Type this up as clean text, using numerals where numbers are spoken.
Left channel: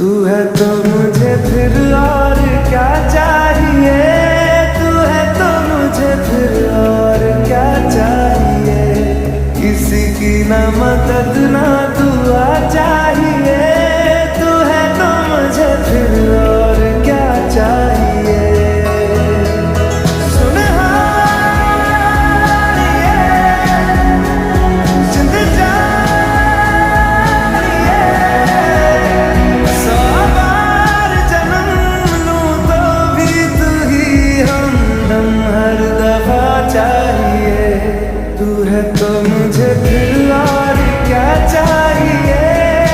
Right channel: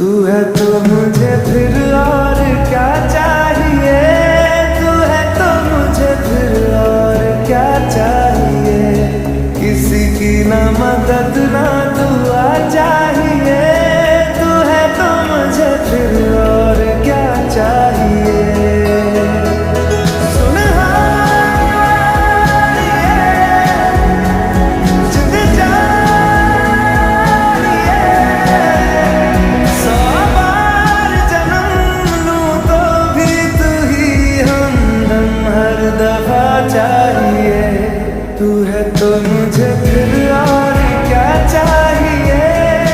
तू है तो मुझे फिर और क्या चाहिए, तू है तो मुझे फिर और क्या चाहिए। किसी की ना मदद ना दुआ चाहिए, तू है तो मुझे फिर और क्या चाहिए। हर दफा चाहिए, तू है तो मुझे फिर और क्या चाहिए।